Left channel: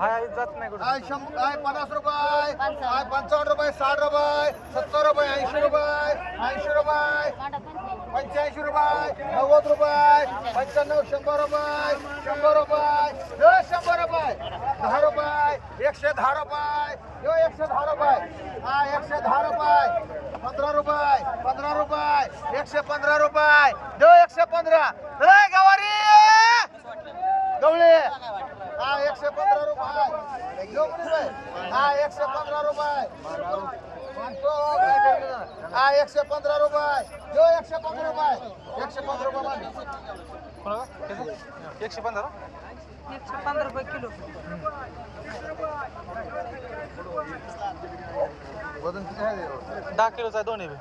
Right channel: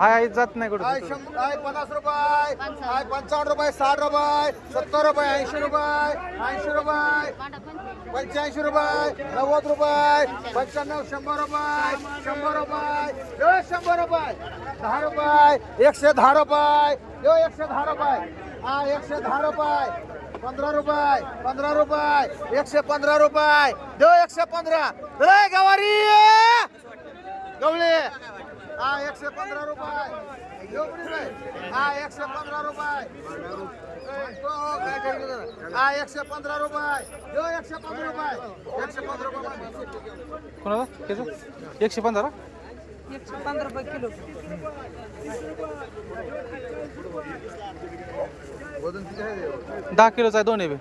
हाय जात नाही कुठं. आय शंभर आय पन्नास रुपये आय पंचावन्न रुपये साठ रुपये सत्तर रुपये ऐंशी रुपये ऐंशी रुपये पंच्याऐंशी रुपये नव्वद रुपये पंच्याण्णव शंभर रुपये शंभर रुपये शंभर रुपये दहा रुपये एकशे दहा रुपये एकशे दहा रुपये हा एकशे दहा रुपये. पंधरा रुपये पंधरा रुपये एकशे पंधरा रुपये. यो एकशे पंधरा. रे गवारी! गवळे! हा एकशे पंधरा रुपये. हा एकशे पंधरा रुपये. हा एकशे पंधरा रुपये. यो एकशे पंधरा रुपये. एकशे पंधरा रुपये एकशे पंधरा? एकशे पंधरा रुपये किलो. वजन किती आहे दहा किलोचा आहे दोन्ही बी.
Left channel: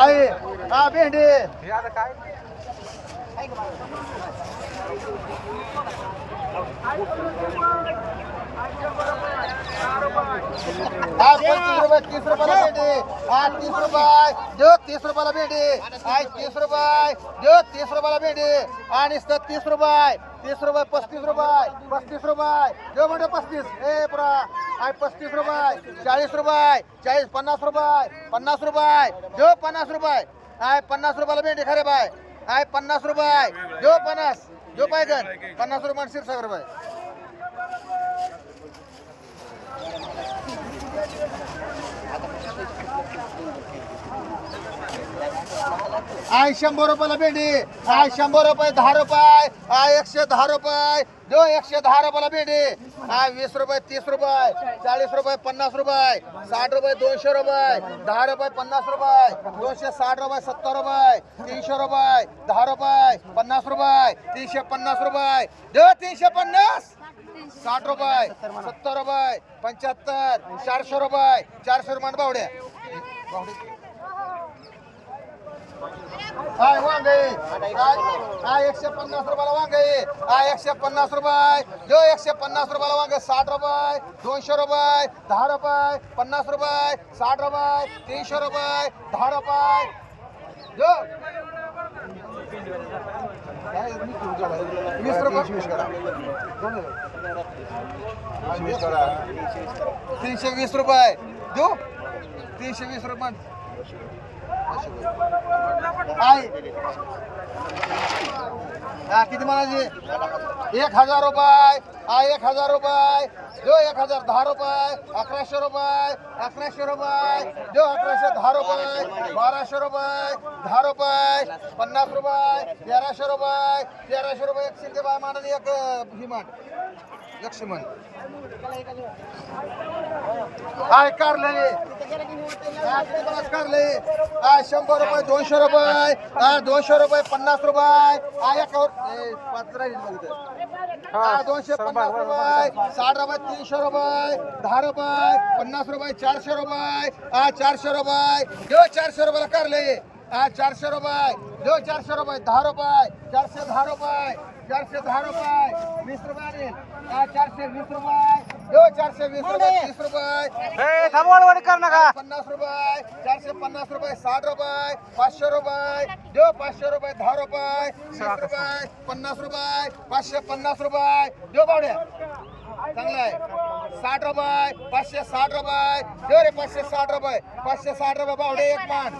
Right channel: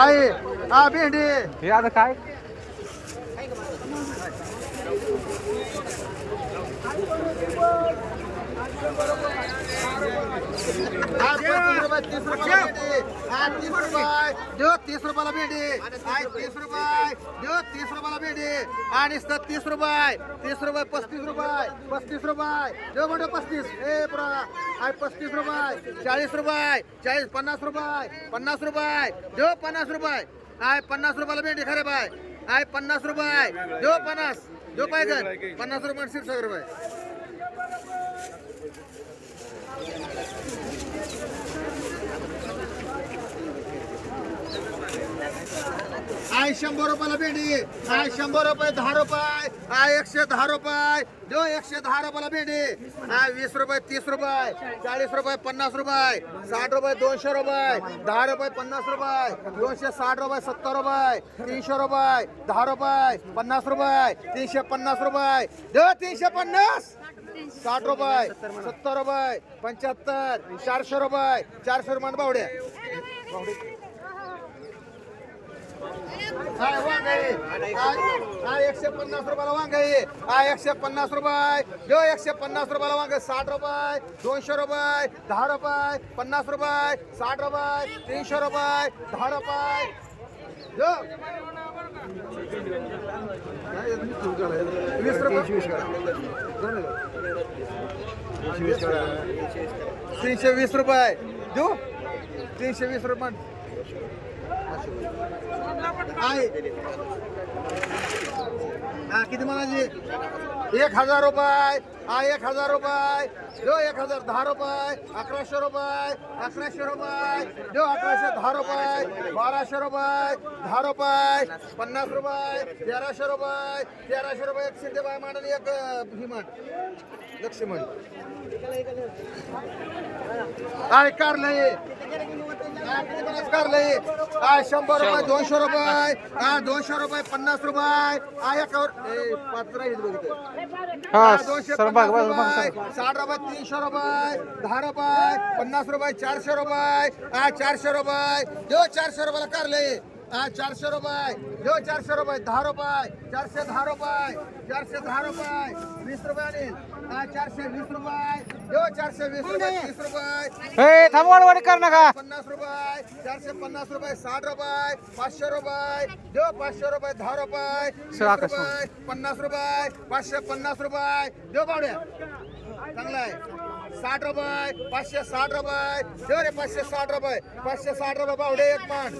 आहे हा भेंडी. हे आता काय? पस्तीस रुपये तीस रुपयाला भेंडी हा तीस रुपये देऊ तीस रुपयाला भेंडी आहे तीस रुपये देऊ तीस रुपयाला भेंडी आणि नुसतं तीस रुपये तीस रुपये पस्तीस रुपये पस्तीस रुपये देऊ म्हणजे पस्तीस ए पुरा आहे पस्तीस रुपये चाळीस रुपये चाळीस पन्नास रुपये पन्नास रुपये देव पन्नास रुपये आय पन्नास रुपयाला भेंडी खरे बाय आय पन्नास रुपये देऊ पन्नास देऊ पाहिजे पन्नास रुपये शिरसागर रुपये आय शंभर रुपयाला भेंडी. आय शंभर रुपये दहा रुपये. आय एकशे दहा रुपये. दो एकशे दहा रुपयाला भेंडी. आय वीस रुपये तीस रुपये. चाळीस रुपये पन्नास रुपये. साठ रुपये दोनशे रुपये. दहा रुपये पन्नास रुपये. दोनशे साठ रुपये सत्तर रुपये. तीनशे रुपये दहा रुपये पन्नास रुपये. तीनशे पन्नास रुपये. दो तीनशे पन्नास साठ रुपये सत्तर रुपये पंच्याहत्तर चारशे रुपये. चारशे रुपये बावड्या. हाय वांगे हाय एकशे पन्नास रुपयाला वांगे हाय एकशे पन्नास रुपये. जो एकशे पन्नास रुपयाला वांगे साठ रुपये दोनशे रुपये दहा रुपये पन्नास रुपये साठ रुपये तीनशे रुपये दहा रुपये. जो वीस रुपये. तीनशे वीस रुपये. देऊ. तीनशे वीस रुपये आहे हा किती म्हणायची? एक हजार रुपये. हा एक हजार रुपये. जो एक हजार दहा रुपये. अकराशे रुपये. अकराशे रुपये. जो अकराशे दहा रुपये. बाराशे रुपये. दहा रुपये. पन्नास रुपये. तेराशे रुपये. तेराशे रुपये एक शिंदे बाय मान आणि एक मान लक्ष्मण. काय कारलंय काय कारलंय शंभर रुपये दोनशे रुपये? दोनशे रुपये पन्नास रुपये? हा एकावर पाच राहील बघितलं दोनशे सर रुपये साठ रुपये तीनशे रुपये दहा रुपये पन्नास रुपये चारशे रुपये हा चारशे रुपये देव चारशे रुपयाला कारले हा चारशे रुपये देव चारशे रुपये दहा रुपये चारशे दहा रुपये चारशे दहा रुपये वीस रुपये आणील हा चारशे वीस रुपये देव चारशे वीस रुपये तीस रुपये. कर नका. पन्नास रुपये चारशे पन्नास रुपये साठ रुपये पाचशे रुपये देऊ पाचशे रुपये दहा रुपये. रुपये पन्नास रुपये पाचशे पन्नास रुपये. देऊ बावड्या. चांगला आहे. साठ रुपये पाचशे साठ रुपये. देऊ रे पाचशे साठ रुपये. पाचशे साठ रुपये बावडे एक मान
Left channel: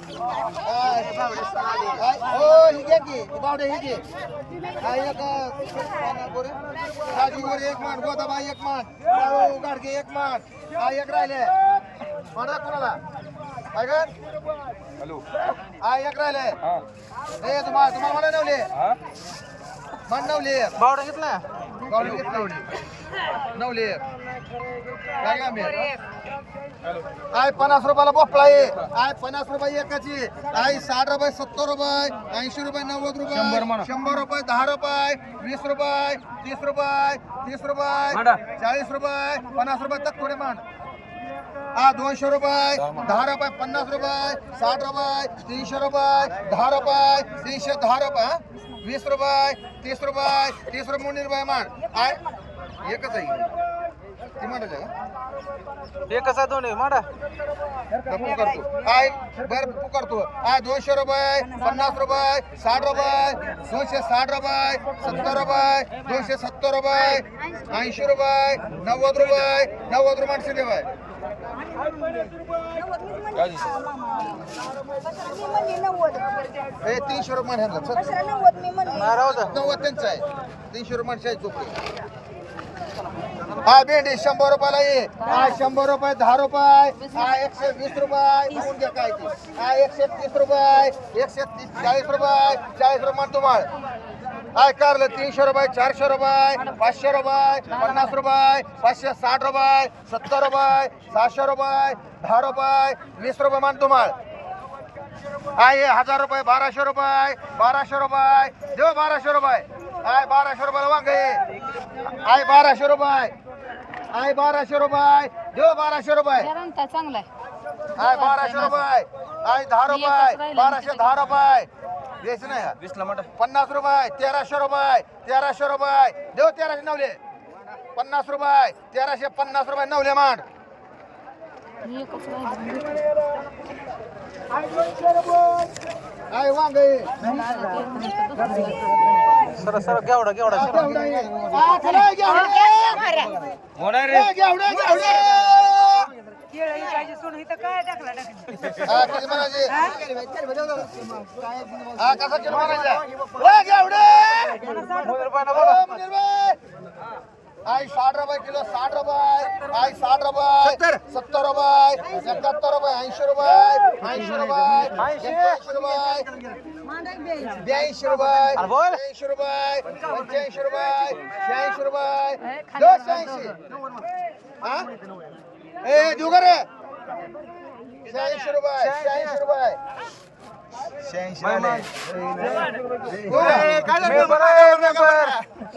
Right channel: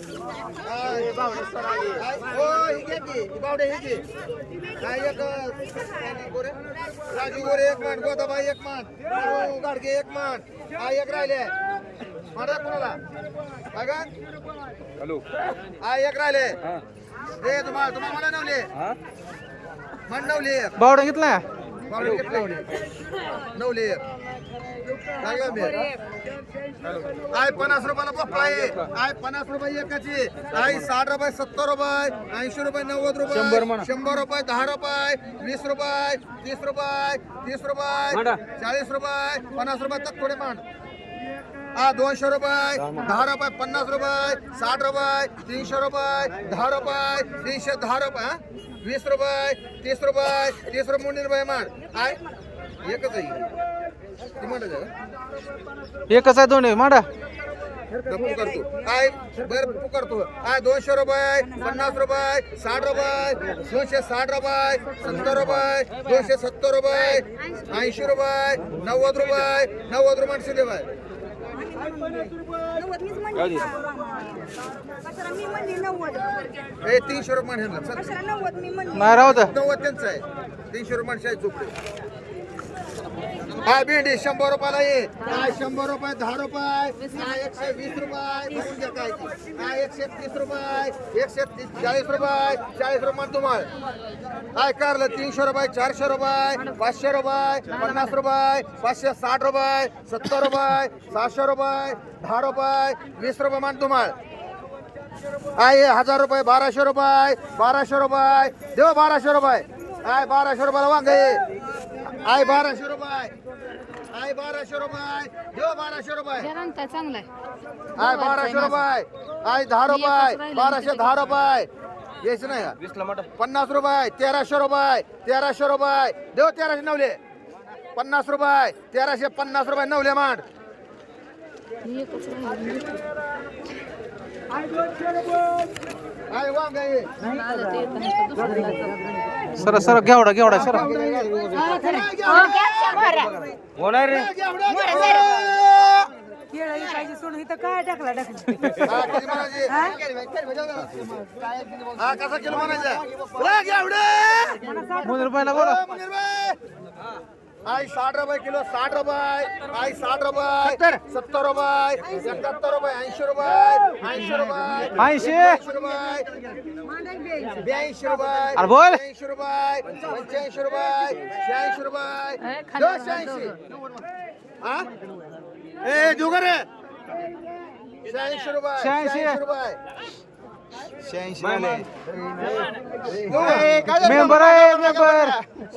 हा, हे. काय? घे की. बावडे ही घे. हा, एक काय गोरे? राजू गोरे एक मान गोदाबाई एक मान गाडगे एक मान हा एक राहिले. म्हणा कोणाला? काय का हॅलो. हा एक राहिले. ए तुम्हाला तुम्हाला मला नवले. मन नवले एक. बावडा घेतला बावडे घेतले नवले. मी आय पन्नास रुपयाला आहे. आय पन्नास रुपये एकाची. आय साठ रुपये सत्तर रुपये ऐंशी रुपये नव्वद रुपये शंभर रुपये दहा रुपये वीस रुपये तीस रुपये तीस रुपये चाळीस रुपये पन्नास रुपये तक थोडे मांड. हा दोनशे रुपये. दहा रुपये पन्नास रुपये साठ रुपये तीनशे रुपये दहा रुपये तीनशे दहा रुपये? वीस रुपये तीस रुपये तीस रुपये मुंडी रुपये मांड. आय एकच आहे. ती मांडायचं का एकच आहे मांडा. डब्बू करतो. आय बर करतो. आय दोनशे रुपये पन्नास रुपये साठ रुपये दोनशे साठ रुपये सत्तर रुपये दोनशे सत्तर रुपये ऐंशी रुपये नव्वद रुपये नव्वद रुपये मी म्हणली नव्वद. हे तीनशे रुपये कशाला नव्वद मी म्हणली? नाही राहू नव्वद त्यांचं आहे. तीनशे रुपये शाळेत झोपले. हा भेंडी शंभर रुपयाला ये. हा शंभर रुपये दहा रुपये. हा एकशे वीस रुपये. बघून द्या काय हा एकशे तीस रुपये एकशे तीस चाळीस रुपये चाळीस रुपये तुम्हाला. काय कारलं तीनशे रुपये चारशे रुपये पाचशे रुपये पन्नास रुपये पाचशे साठ रुपये सत्तर रुपये सहाशे रुपये दहा रुपये वीस रुपये मान तुम्हाला. आहे हजार रुपये बाराशे रुपये बाराशे रुपये. देव बाराशे रुपये. आहे बाराशे रुपयाला वांगे. आहे बाराशे रुपये. आहे बाराशे रुपये. देव बाराशे रुपये. चांगला आहे. आहे बाराशे रुपये. आहे दहा रुपये. बाराशे दहा रुपये. द्यायचं नाही. हा. वीसला मांडा पन्नास रुपये. तेराशे रुपये. तेराशे रुपये. देव तेराशे नवले. पन्नास रुपये. तेराशे पन्नास रुपये नवले मांड. एकच राहिलं. आहे वांगे. सर सर घेवडा घेवडा. होणार काय टाकला हा? हा, कसा किलो म्हणायचा? आई साठ रुपये किलो साठ रुपये. आई साठ रुपये. सत्तर. रुपये. एकाहत्तर रुपये ऐंशी रुपये. ऐंशी रुपये. ऐंशी. ऐंशी रुपये. ब्याऐंशी रुपये. ब्याऐंशी रुपये. पंच्याऐंशी रुपये. शहाऐंशी रुपये. दोनशे ऐंशी. हा? ए देऊ का रे. शहाऐंशी रुपये. शहाऐंशी. रुपये.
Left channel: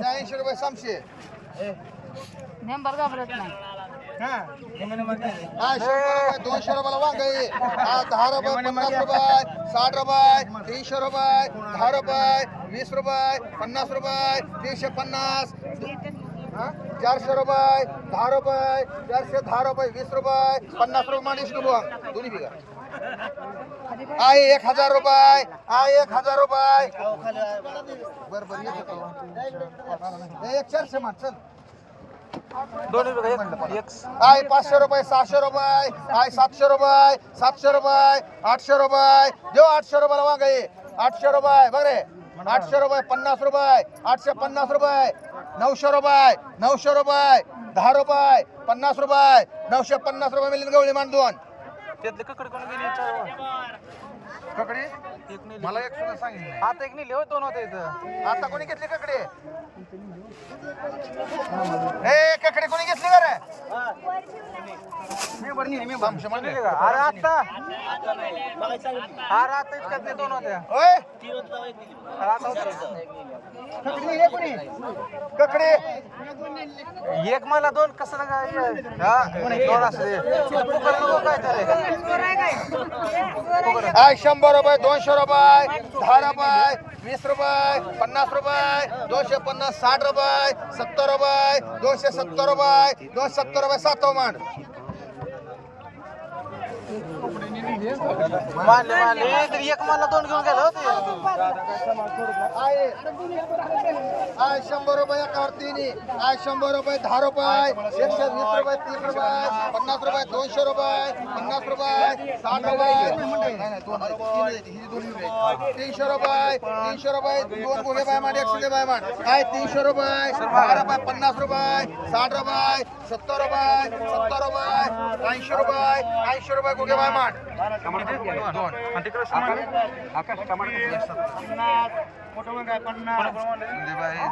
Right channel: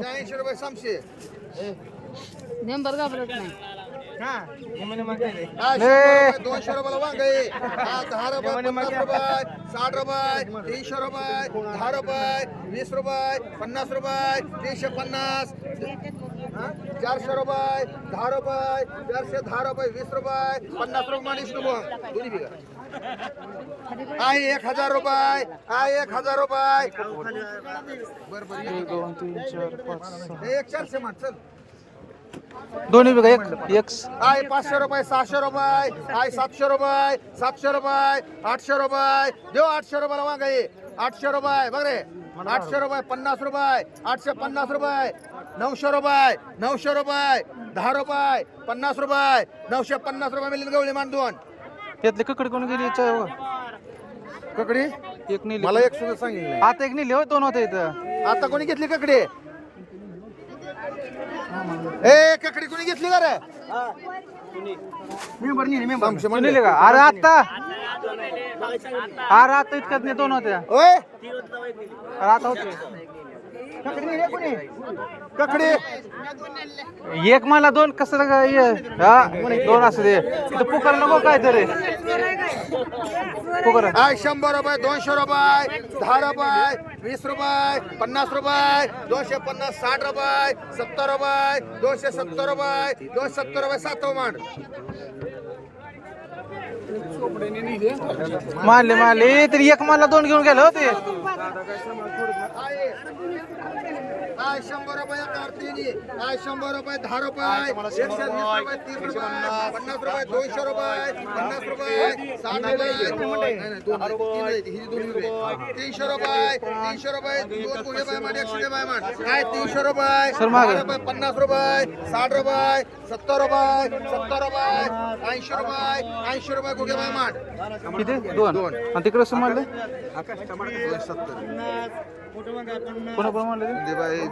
शहाऐंशी रुपये. समशे नेंबर घाबरत नाही. हा, रुपये, दोनशे रुपयाला वांग आहे. हा, दहा रुपये पन्नास रुपये साठ रुपये तीनशे रुपये दहा रुपये वीस रुपये पन्नास रुपये तीनशे पन्नास चारशे रुपये दहा रुपये चारशे दहा रुपये वीस रुपये पन्नास रुपये माणीस दोन्ही बिघा. आहे एक हजार रुपये. आहे एक हजार रुपये. बरं बरं एक चारशे मान चल. दोन्ही बघा एक एक. आहे पाचशे रुपये सहाशे रुपये. आहे सातशे रुपये सातशे रुपये आठशे रुपये. देऊ आठशे रुपयाला आहे आठशे रुपये बघ रे आठशे रुपये पन्नास रुपये. आठशे पन्नास रुपये. नऊशे रुपये नऊशे रुपये. दहा रुपये पन्नास रुपये. नऊशे पन्नास रुपये मिळून गवळी मान दोन त्यातली ककडी कोण गेली च- ककडी? एक नेली. मला एक सुद्धा सांगितलं आता एक नेली होय दोन होते इथं. आता कोणी घेतली ककडी? ए ककडी कोणी घेतली का रे? समशे म्हणले. नेली का? अरे आता? अरे आता इतक्यात नाही दोन होत्या. ओय अरे आता एक मला दोन कसं हे? दोन असू दे. नको काय तरी शंभर रुपये दोनशे रुपये दहा रुपये वीस रुपये पन्नास रुपये दोनशे पन्नास साठ रुपये सत्तर रुपये दोनशे सत्तर रुपये दोनशे सत्तर रुपये सात मान मारले मारले तरी एक मला दोन घेऊन गेले होते. आहे आहे शंभर रुपये एकावर तिन्ही आहे शंभर रुपये दहा रुपये. एकशे वीस रुपये तीस रुपये. पन्नास रुपये दोनशे रुपये. पन्नास रुपये साठ रुपये. तीनशे रुपये. तीनशे रुपये दोन गुन्हे बाय मान एकशे बाय मान आहे तीनशे रुपये. दहा रुपये पन्नास रुपये. साठ रुपये सत्तर रुपये. सत्तर रुपये. ऐंशी रुपये. ऐंशी रुपये गुगे बाय किती? दोन. दोन. आणि ते?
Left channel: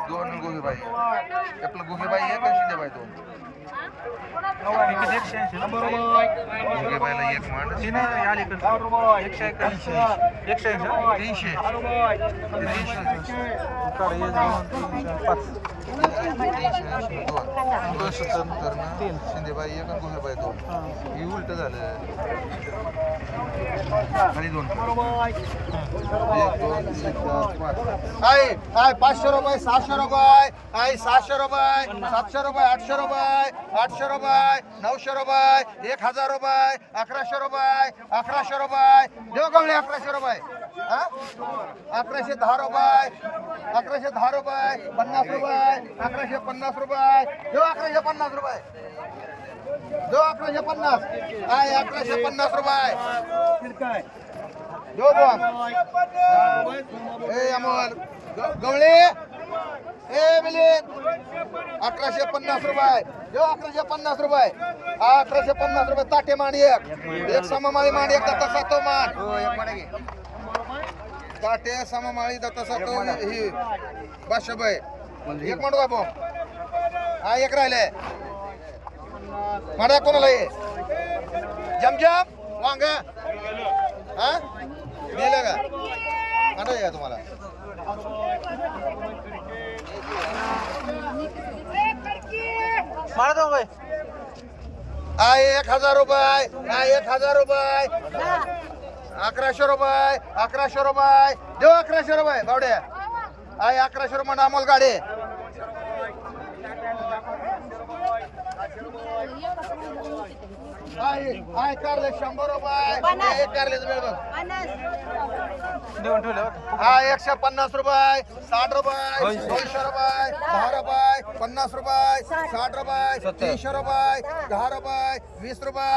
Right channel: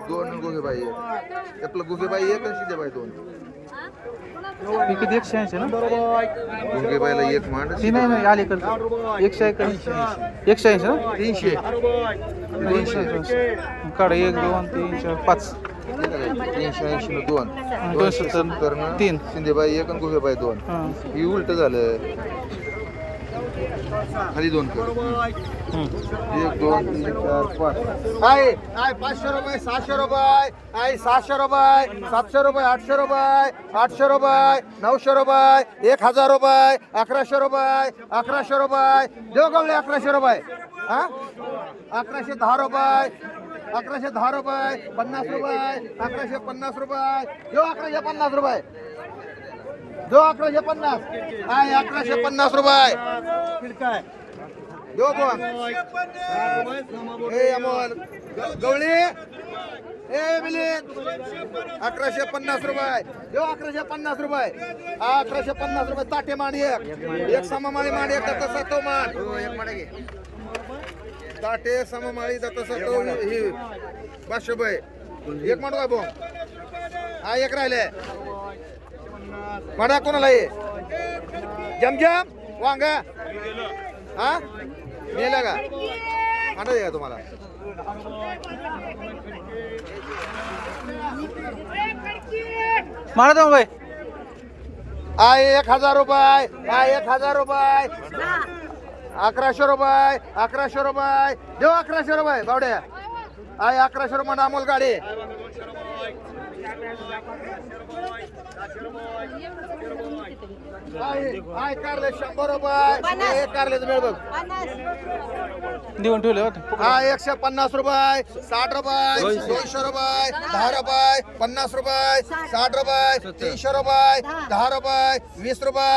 दोन गुगे बाई आपलं गुगे बाई एक. दे बाई दोन. हे किती? एकशे ऐंशी ना? एक म्हण. ती नाही नाही अलीकडे एकशे एक ऐंशी एकशे ऐंशी ना? तीनशे. तीनशे. काढ एक दोन तीन चार पाच. तीनशे ऐंशी दोन दोनशे सत्तर ना तीन. शिंदेबाई एक आणि गोहेबाई दोन. ही उलट झालं. खाली दोन. आहे आहे पाचशे रुपये सहाशे रुपये. आहे सहाशे रुपये सातशे रुपये आठशे रुपये आठशे रुपये नऊशे रुपये एक हजार रुपये अकराशे रुपये अकराशे रुपये. देव गवळे अकराशे रुपये? हा? अकराशे दहा रुपये अकराशे दहा रुपये पन्नास रुपये अकराशे पन्नास रुपये. देव अकराशे पन्नास रुपये. देव अकराशे पन्नास. आहे अकराशे पन्नास रुपये? दो दोन ए अमोल. गवळे. ए मिलिंद. अकराशे पन्नास रुपये. देऊ अकराशे पन्नास रुपये. हा अकराशे पन्नास रुपये ताटे मांडी एक. एक सममाळी मांडी एक दत्ता सातो मान. हो, एक मांडा घे. ताटे सममाळी दत्ता सातो ही. पाचशे रुपये. एक मांडू बाबू. हा एक राहिले. मांडा कोणाला ये जमजम वांगा. हा? गेलं का? मांडा का तुम्हाला? जाऊ बाई हा एक हजार रुपये. हा एक हजार रुपये. अकराशे रुपये. अकराशे रुपये. देऊ अकराशे रुपये बावड्या. आहे अकराशे रुपये अमोल गाडे. आहे कारले शंभर रुपये हे कारले बरोबर देऊन ठेवले हा एकशे पन्नास रुपये साठ रुपये दोनशे रुपये दहा रुपये पन्नास रुपये साठ रुपये तीनशे रुपये दहा रुपये वीस रुपये.